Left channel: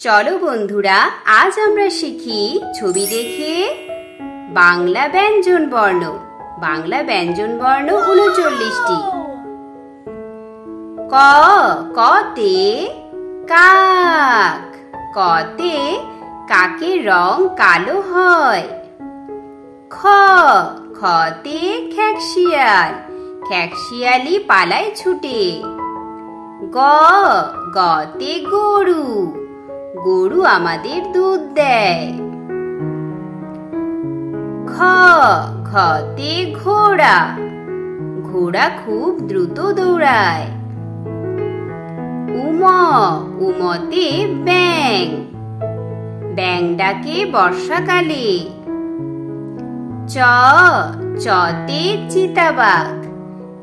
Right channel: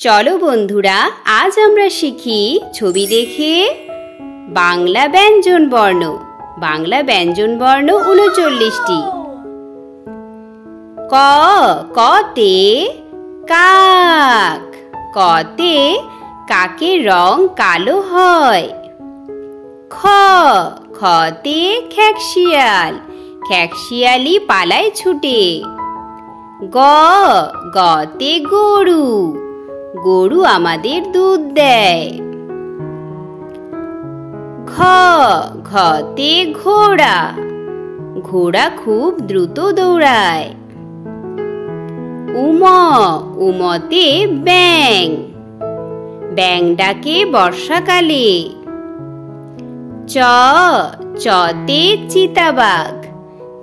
চলো বন্ধুরা, আজ আমরা শিখি ছবি দেখে বাংলা ব্যঞ্জন বর্ণ। বাংলা ব্যঞ্জন বর্ণ ৩৯টি। ক কতে কাক, কতে কাকের রং কালো হয়। খ খতে খেকশিয়াল, খেকশিয়ালি পালায় ছুটে। গ গতে গরু, গরু আমাদের দুধ দেয়। ঘ ঘতে ঘোড়া, ঘোড়া খুব দ্রুত দৌড়ায়। উম উমতে ব্যাঙ, ব্যাঙ ডাকে বর্ষাকালে। চ চতে চিতাবাঘ,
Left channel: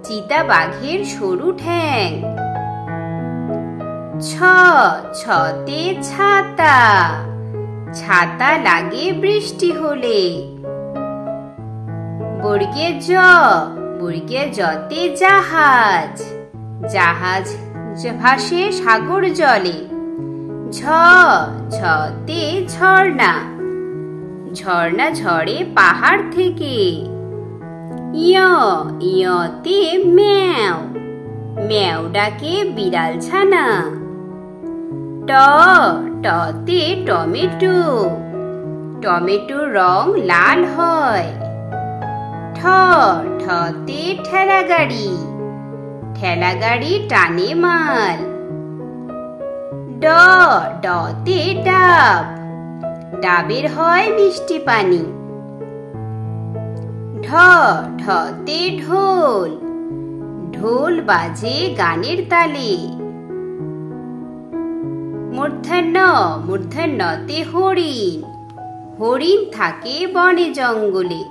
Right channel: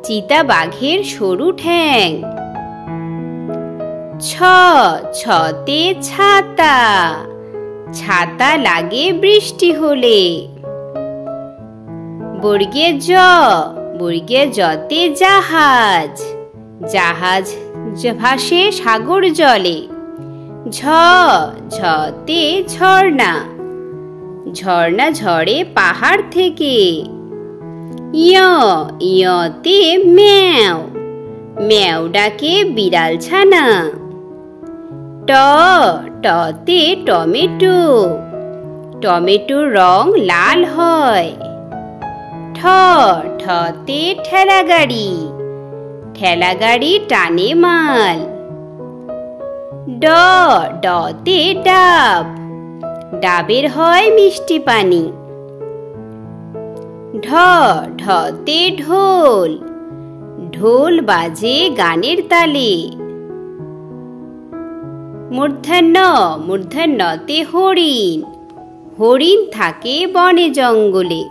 চিতাবাঘের সরু ঠ্যাং। ছ ছতে ছাতা, ছাতা লাগে বৃষ্টি হলে। বর্গে জ, বর্গে জতে জাহাজ, জাহাজ ভাসে সাগর জলে। ঝ ঝতে ঝর্ণা, ঝর্ণা ঝরে পাহাড় থেকে। ইয় ইয়তে ম্যাও, ম্যাও ডাকে বিড়াল ছানা। ট টতে টমেটো, টমেটোর রং লাল হয়। ঠ ঠতে ঠেলা গাড়ি, ঠেলা গাড়ি টানে মাল। ড ডতে ডাব, ডাবের হয় মিষ্টি পানি। ঢ ঢতে ঢোল, ঢোল বাজে গানের তালে। মূর্ধন্য, মূর্ধন্যতে হরিণ, হরিণ থাকে বনে জঙ্গলে।